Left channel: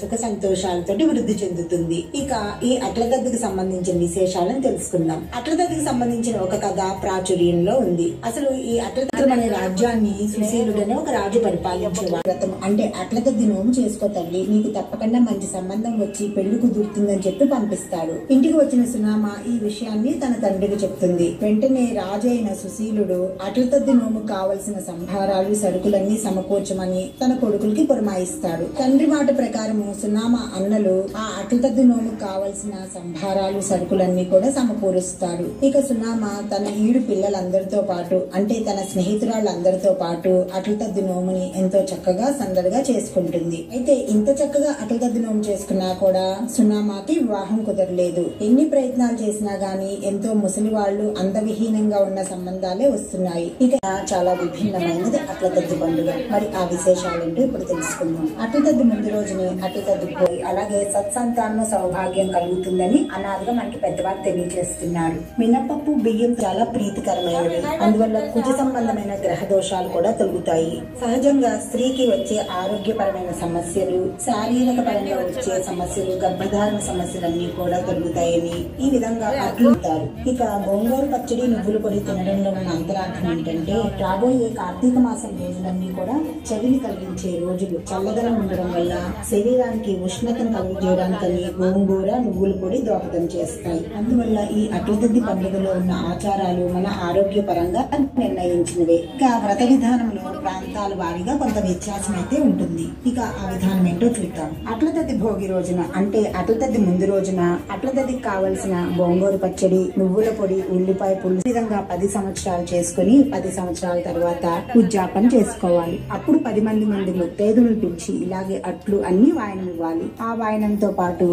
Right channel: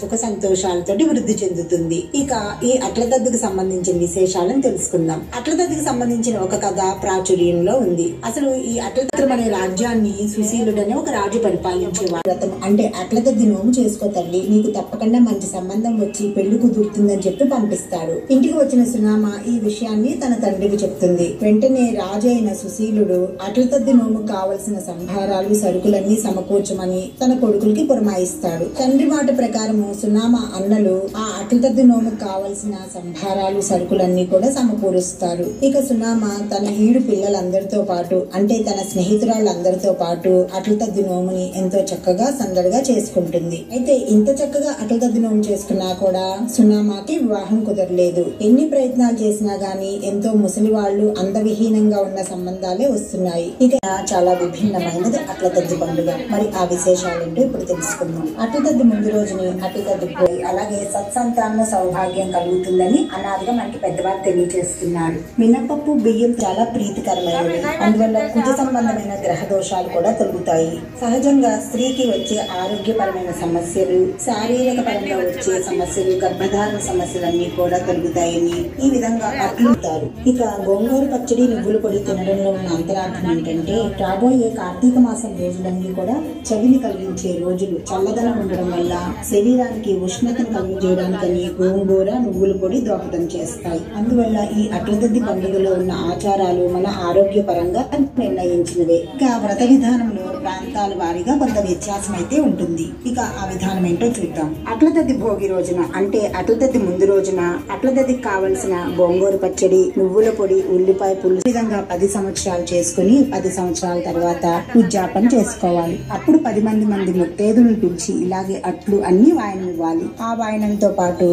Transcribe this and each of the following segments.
సుఖ సంతోషాలతో వృద్ధి చెందుతుంది. ఇక ఈ అట్లతద్దికి సంబంధించిన విశేషాలను తెలుసుకుందాం. అట్లతద్దికి సంబంధించిన ఒక కథ ప్రాచుర్యంలో ఉంది. అసలు ఈ అట్లతద్ది అనే రాజ్యాన్ని సుశీలుడనే ఒక రాజు పరిపాలించేవాడు. వ్రతం అంటే అట్లతద్ది నోము చేసుకో తల్లి, నీకు తప్పకుండా మంచి సంబంధం వచ్చి పెళ్లి కుదురుతుందని చెప్పి పంపిస్తాడు. ఇంటికి వచ్చిన సునామ ఈ విషయాన్ని తన తండ్రికి చెప్తుంది. వెంటనే రాజు అయిన సుశీలుడు అట్లతద్ది నోము కావలసిన సంభారాలు సరుకులన్నీ సమకూర్చమని తన కొడుకులకి పురమాయిస్తాడు. తండ్రి మాట ప్రకారం సునామ అన్నలు ఆ అట్లతద్ది నోముకు కావలసిన సంభారాలు సరుకులన్నీ కూడా సమకూరుస్తారు. ఇక సునామ తన ఈడు పిల్లలందరితో పాటు అంటే తన స్నేహితురాళ్ళందరితో పాటు అట్లతద్ది నోముని ఎంతో చక్కగా సందడిగా చేసుకుంటుంది. అయితే ఇంత చక్కగా అట్లతద్ది నోము చేసుకున్నా కూడా సునామాకి వివాహం కుదరలేదు. ఎన్ని ప్రయత్నాలు చేసినా గాని ఎంతో ముసలి వాళ్ళు అందవిహీనంగా ఉన్న సంబంధాలే వస్తున్నాయి. ఇక చాలా విభిన్నమైనది అట్లతద్ది పండుగ. మరి ఆ విశేషాలేంటో ఇప్పుడు తెలుసుకుందాం. అట్లతద్ది ముందు రోజుని అట్లతద్ది పోయి అలాగే సత్సంతాన సౌభాగ్యం కలుగుతుందని అనాదిగా మనకి పెద్దవారు తెలియజేస్తున్నారు. మినపప్పు బియ్యం చాలా ప్రీతికరమైనవి. అందువల్ల కుజ సంబంధమైన గ్రహ దోషాలు కూడా తొలుగుతాయి. సహజంగా స్త్రీకి వచ్చే ఆరోగ్యపరమైన సమస్యలు, శారీరక పరంగా వచ్చే సమస్యలు, గర్భధారణ సమస్యలన్నీ కూడా తొలుగుతాయని ఈ విధంగా అట్లుతారు. ఇక గోంగూర పచ్చడి నువ్వుల పొడి తినడంలో ఉన్న అంతరార్థం ఏంటంటే రాబోయే కార్తీక మాసం రోజులన్నీ కూడా చవిని కలిగించే రోజులు. చల్లదనం ఉండడం వల్ల శరీరానికి ఉష్ణతను కలిగజేయడానికని గోంగూర నువ్వుల పొడి దోహదం చేస్తాయి. అందువల్ల ఈ అట్లతద్ది పండుగలో ఉన్న ఆచారాలు మన ఆరోగ్య పరంగా నిర్ణయించినవే. ఇక వ్రత విధానంలో ప్రాంతాల వారీగా కొంత వ్యత్యాసం అయితే ఉంటుంది. ఇక ఆ విధానం ఏంటో చూద్దాం. అట్లతద్ది భోగి రోజున అంటే అట్లతద్ది ముందు రోజున అట్లతద్దికి కావలసిన గోంగూర పచ్చడి, నువ్వుల పొడి, ఉల్లిపాయ పులుసు విధంగా 10 సంవత్సరాలు చేసుకుని 10 సంవత్సరాల తర్వాత ఉద్యాపన చేసుకోవాలి. అప్పుడు 10 మంది ముత్తైదులను పిలిచి ఇలాగే అట్లు అన్ని వాయనం ఇవ్వాలి. ఆ వాయనంతో పాటు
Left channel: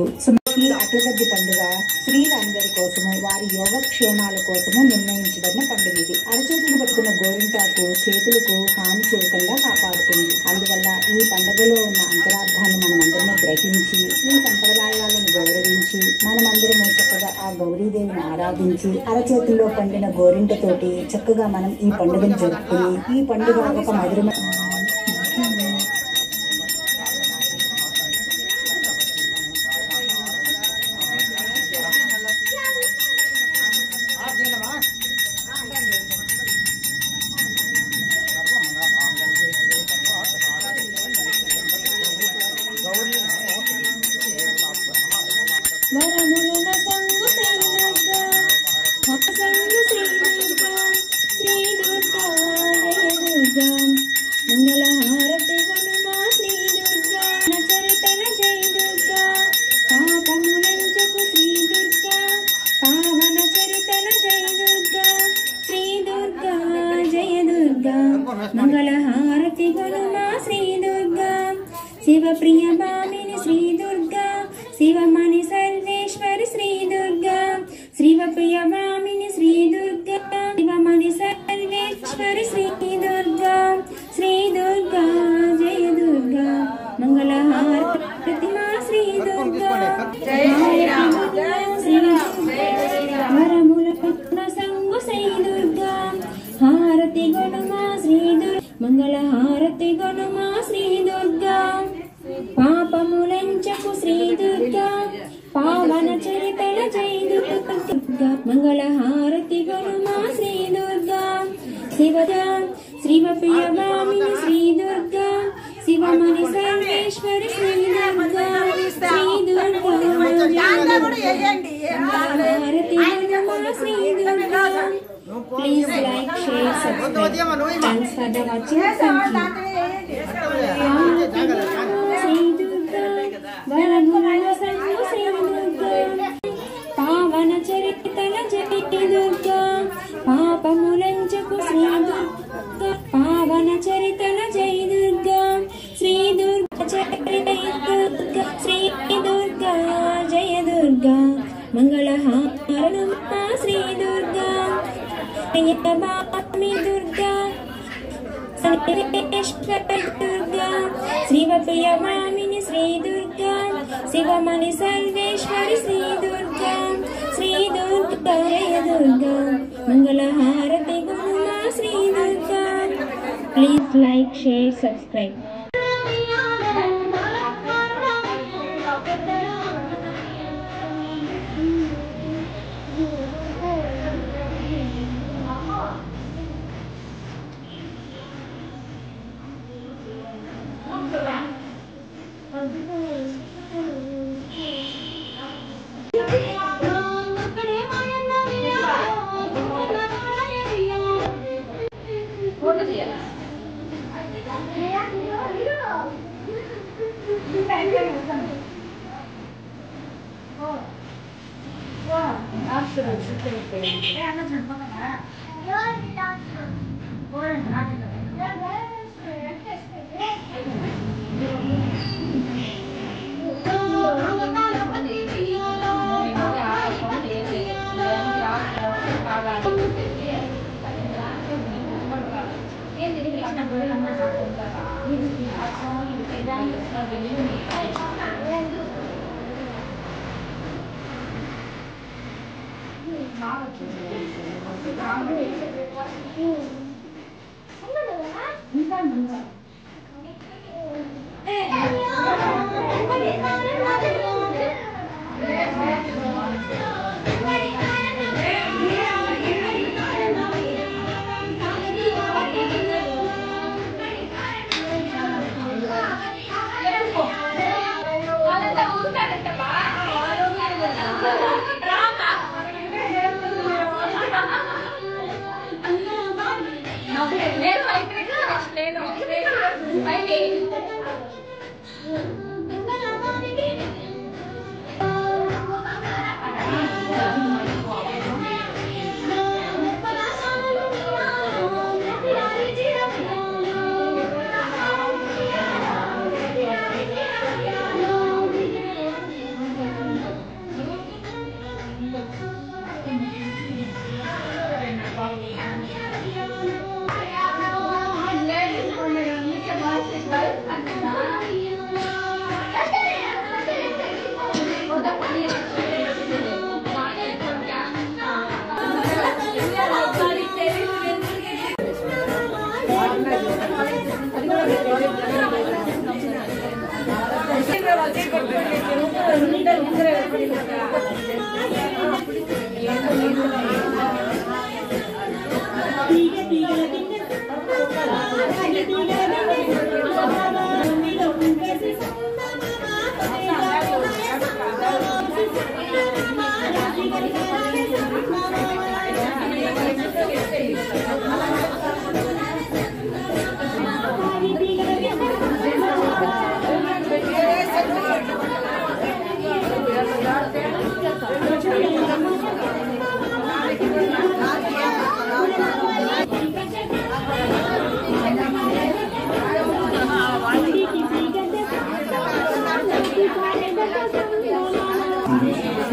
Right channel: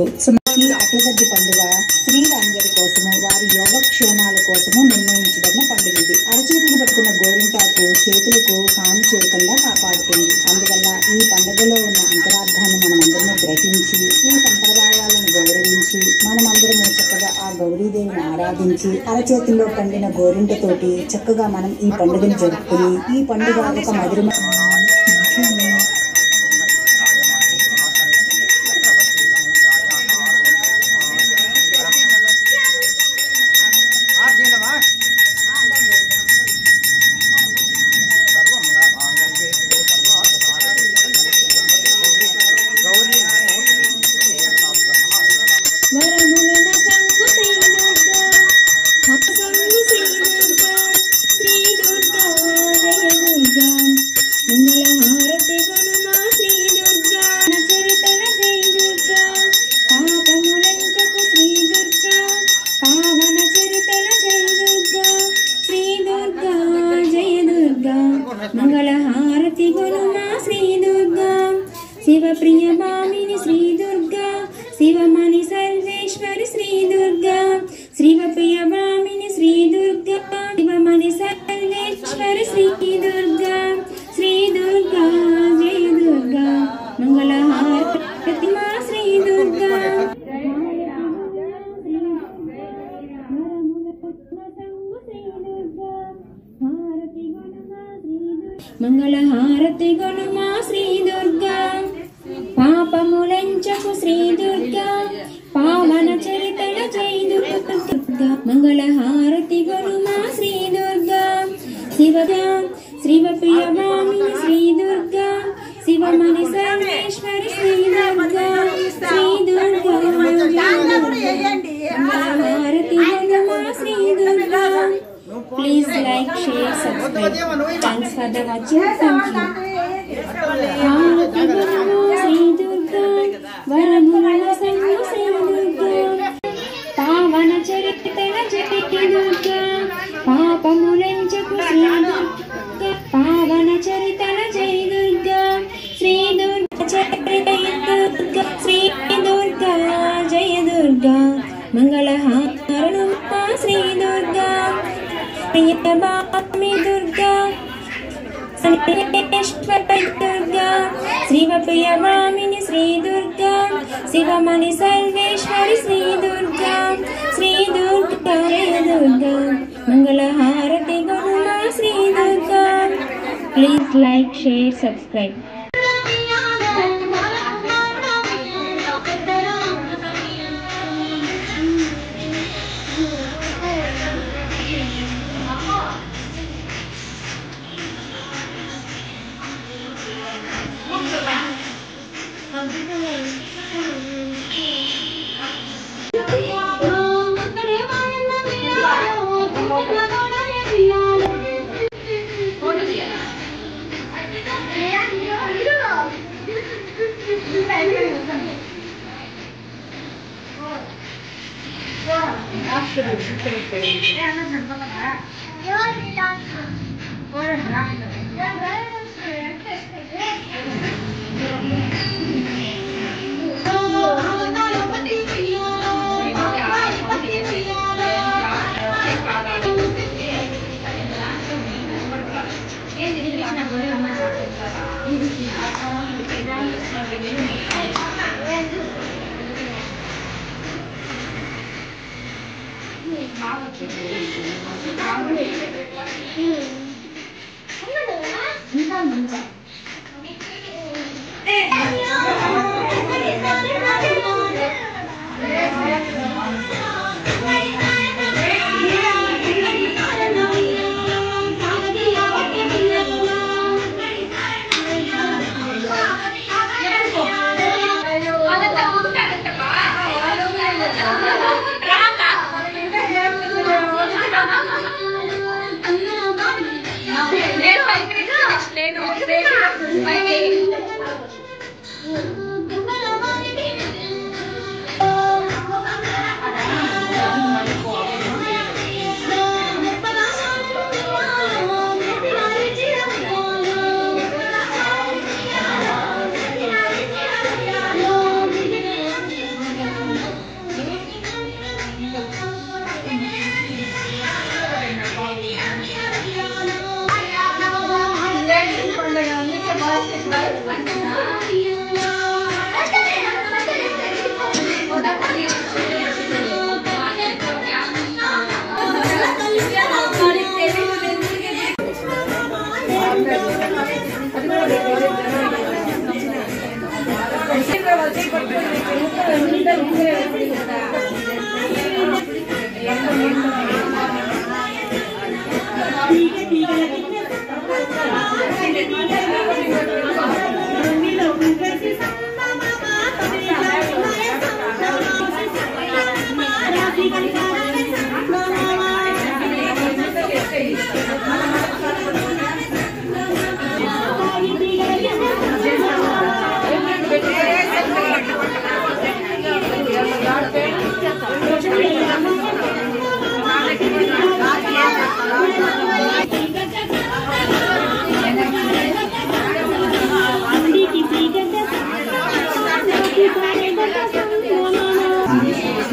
ఈ అట్లతద్ది పండుగ స్త్రీలందరి కోసము వారి యోగక్షేమాల కోసము నిర్ణయించబడిన పండుగ ఇది. అరచేతులు పట్టుకున్న గోరింటాకు చేతులకు హాని చేయకుండా కాపాడుతుంది. అందువల్ల ఈ పండుగలో ఉన్న అంతరార్థాన్ని మనమందరము గ్రహించి ఈ సంప్రదాయాలను గౌరవించి మనమందరము చక్కగా ఆ గౌరీదేవిని ఆరాధించి అరచేతుల్లో పండిన గోరింటతోటి చక్కగా మనం ఈ పండుగను జరుపుకుని ఈ పండుగ ఒక మధురమైన పాపములంచకు శివమణి సర్వేశ్వరి శ్రీ దుర్గా శ్రీవప్రియ బ్రాహ్మిణి శ్రీ దుర్గా శివమణి సర్వేశ్వరి శ్రీ దుర్గా జయ దుర్గా మంగళహారతి మా శ్రీ దుర్గా వరముల సంగు శ్రీ దుర్గా హారతి గొనుమా శ్రీ దుర్గా మంగళహారతి గొనుమా శ్రీ దుర్గా పాపములంచకు శ్రీ దుర్గా పావన చరితల జై దుర్గా మంగళహారతి గొనుమా శ్రీ దుర్గా శివగా శ్రీవప్రియ బ్రాహ్మిణి శ్రీ దుర్గా శివమణి సర్వేశ్వరి శ్రీ దుర్గా మంగళహారతి గొనుమా Shri Durga. Please like, share, subscribe. Thanks for the watching. Thank you. Shri Durga వరముల సంగు Shri Durga పావన చరితల జై దుర్గా పాపములంచకు శ్రీ దుర్గా పావన చరితల జై దుర్గా శ్రీ దుర్గా దుర్గా శ్రీ దుర్గా జయ దుర్గా మంగళహారతి శ్రీ దుర్గా ప్రియతమామి దుర్గా సర్వేశ్వరి దుర్గా శ్రీవప్రియ బ్రాహ్మిణి శ్రీ దుర్గా శివమణి సర్వేశ్వరి శ్రీ దుర్గా జయ దుర్గా మంగళహారతి గొనుమా Shri Durga. Please like, share, subscribe.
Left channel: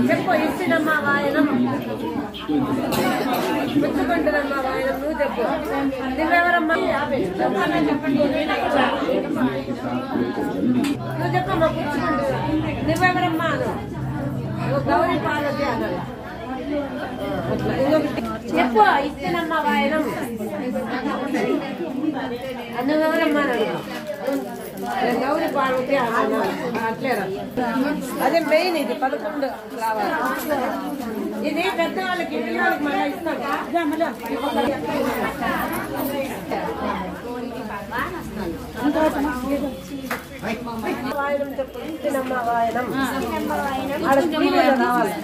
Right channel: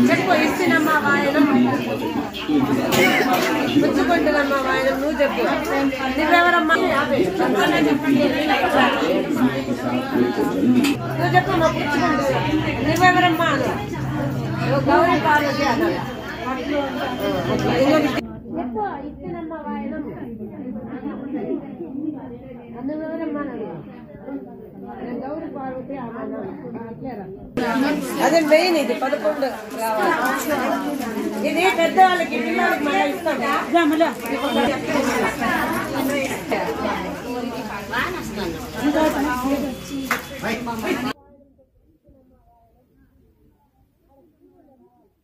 చెప్పు ఇచ్చినమ్మా వాయనం పుచ్చుకుంటున్నమ్మా వాయనం నువ్వు చెప్పు నువ్వెవరమ్మా చెప్పండి నువ్వు చెప్పు నువ్వెవరమ్మా గౌరీ పార్వతి చెప్పు ఇచ్చినమ్మా వాయనం నువ్వెవరమ్మా గౌరీ పార్వతి అట్లేరా అదే మెయిన్ ఇది 11 రావాలి ఇది పెద్దవాళ్ళకి పిల్లలకి మనం ఇస్తాం వాయనం చెప్పు ఇచ్చినమ్మా వాయనం ఆడ టీవీలో రావాలి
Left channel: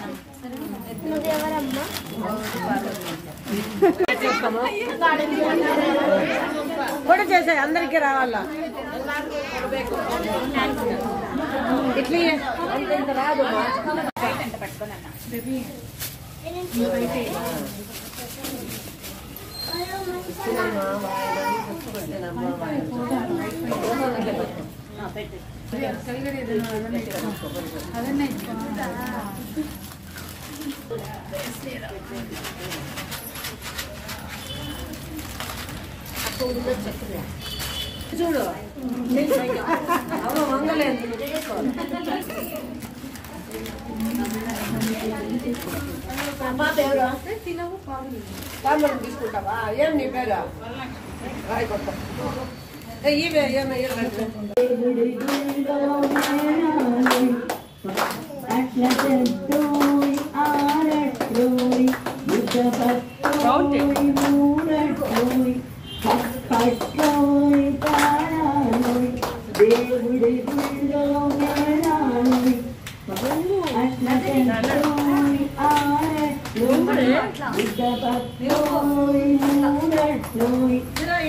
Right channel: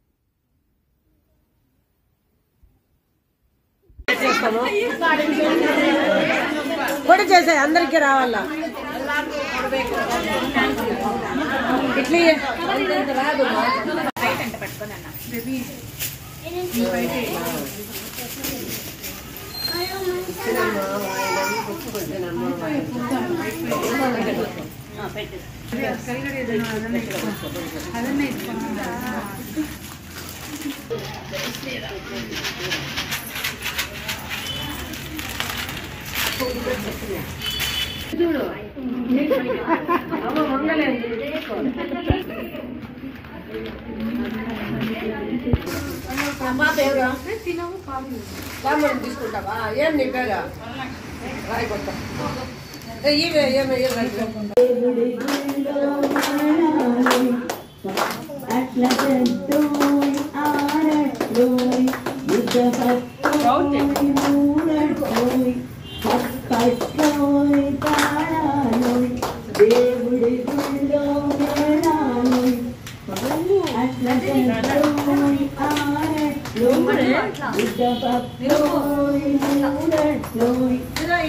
పొడి చేసే అందరికీ రావాలా ఇట్లీ రాదు ఇచ్చినమ్మా వాయనం పుచ్చుకుంటున్నమ్మా వాయనం చూడు అమ్మ మంగలేదు కామన్ తీసుకుంటావా ఏం నీ పేరు రాయి కొత్త ఇవే ఏమే దేవుడి గుళ్ళో మేళాలోయ్ అట్లటోయ్ ఆడట్లోయ్ ఉద్దపప్పోయ్ మూడట్లోయ్ తప్పట్లోయ్ తాళాలోయ్ దేవుడి గుళ్ళో మేళాలోయ్ అట్లటోయ్ ఆడట్లోయ్ ఉద్దపప్పోయ్ మూడట్లోయ్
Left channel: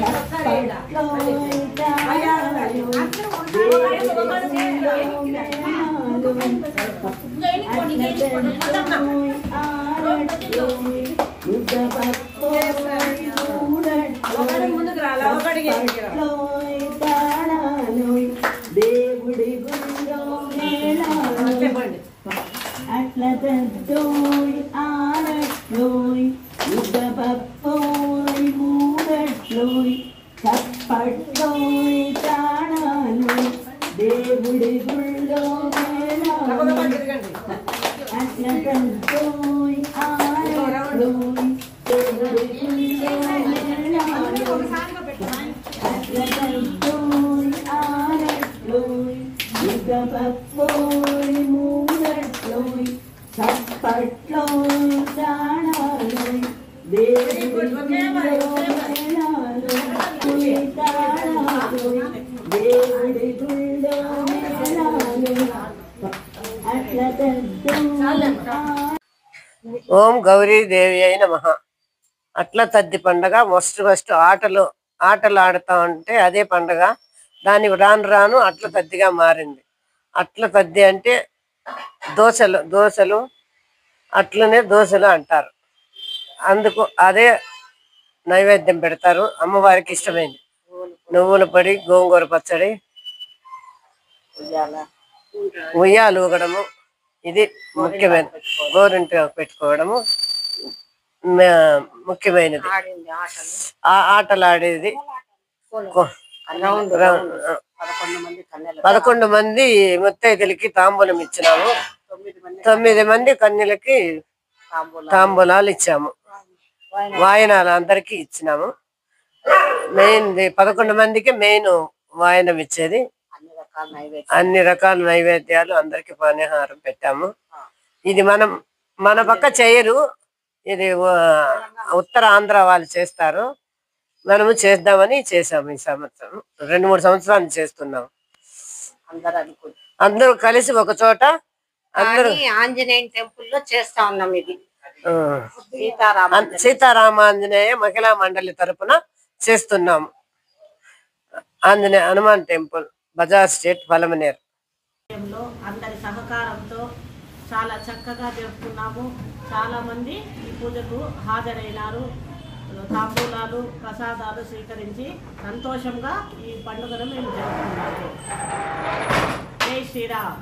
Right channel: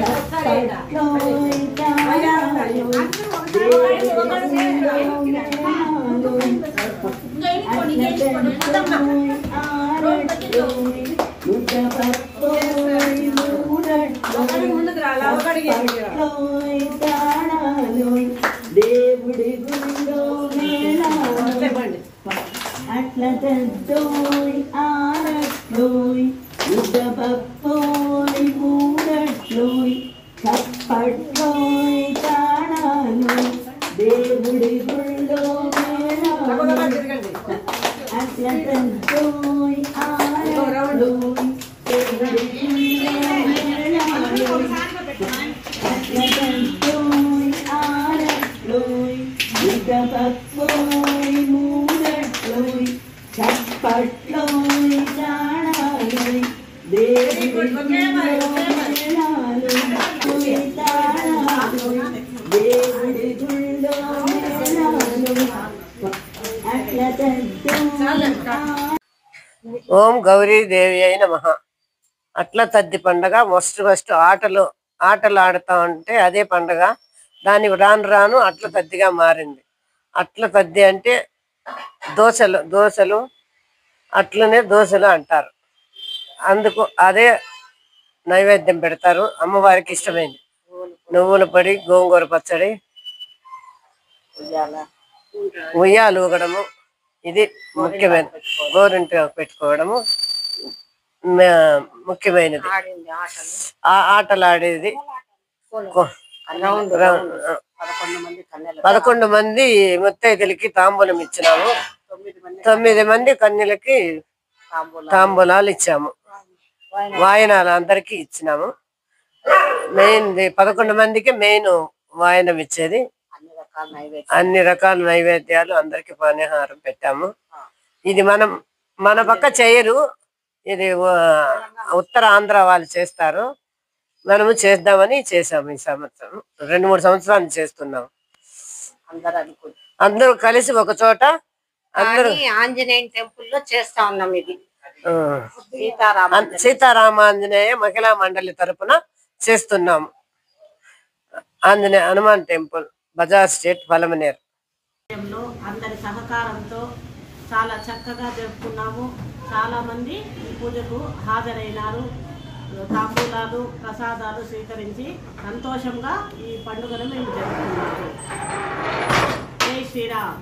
తప్పట్లోయ్ తాళాలోయ్ దేవుడి గుళ్ళో మేళాలోయ్ అట్లటోయ్ ఆడట్లోయ్ ఉద్దపప్పోయ్ మూడట్లోయ్ తప్పట్లోయ్ తాళాలోయ్ దేవుడి గుళ్ళో మేళాలోయ్ అట్లటోయ్ ఆడట్లోయ్ దేవుడి గుళ్ళో మేళాలోయ్ అట్లటోయ్ ఆడట్లోయ్ ఉద్దపప్పోయ్ మూడట్లోయ్ తప్పట్లోయ్ తాళాలోయ్ దేవుడి గుళ్ళో మేళాలోయ్ తాళాలోయ్ దేవుడి గుళ్ళో మేళాలోయ్ అట్లటోయ్. ఓం గౌరీదేవి అయిన నమః. అట్ల తద్ది పండగ ఫస్ట్ ఆటలు ఆడుతా ఉంటే అదే పండగ దాని రాను రాను అట్ల తద్దిగా మారింది. అట్ల తద్ది అంటే దోశలు అట్లనే దోశలు అంటారు. అందుకు అదే నైవేద్యం పెడతారు. అమ్మవారికి ఇష్టమైంది నువ్వుల పొడి, గోంగూర పచ్చడి, ఉయ్యాలు ఊగడము, ఇది ముఖ్యమైనది. గోరింట పెట్టుకోవడము ముఖ్యమైనది. ఆ ఆటలు ఆడేది 11 మంది ముత్తైదులకి తాంబూలం ఇచ్చినాము. 9 మంది కన్యలకి తాంబూలాలు ఇచ్చాము. వాయనాలు అందరికి ఇచ్చినాము. మెయిన్ 11 మందికి మెయిన్ వాయనం ఇచ్చేది. అన్ని రకాల నైవేద్యాలు అందరికి పానీహారం పెట్టాము. ఇది మన పక్క చేయరు, ఇది ఉత్తర ఆంధ్ర వాళ్ళు చేస్తారు. మనము చేద్దామని చేసాము. ఈ సంవత్సరం 2-3 సంవత్సరాలు చేస్తున్నాము. అందరూ కలిసి ఒక చోట అందరూ ఆంజనేయ టెంపుల్ లో చేస్తా ఉన్నాం. ఇది సీతారామాంజనేయ మహిళా మండలి తరపున చేస్తున్నాము. Anjaneya Hanuman temple, Bazar street, Palamaner. అందరి సహకారంతో చాలా చక్కగా జరుపుకున్నాము. చాలా మంది ఈ పూజకు హాజరైనారు. తాంబూలాలు, ప్రసాదాలు స్వీకరించి సంతోషంగా ఈ పండుగను మేము జరుపుకున్నాము. జై శ్రీరామ్.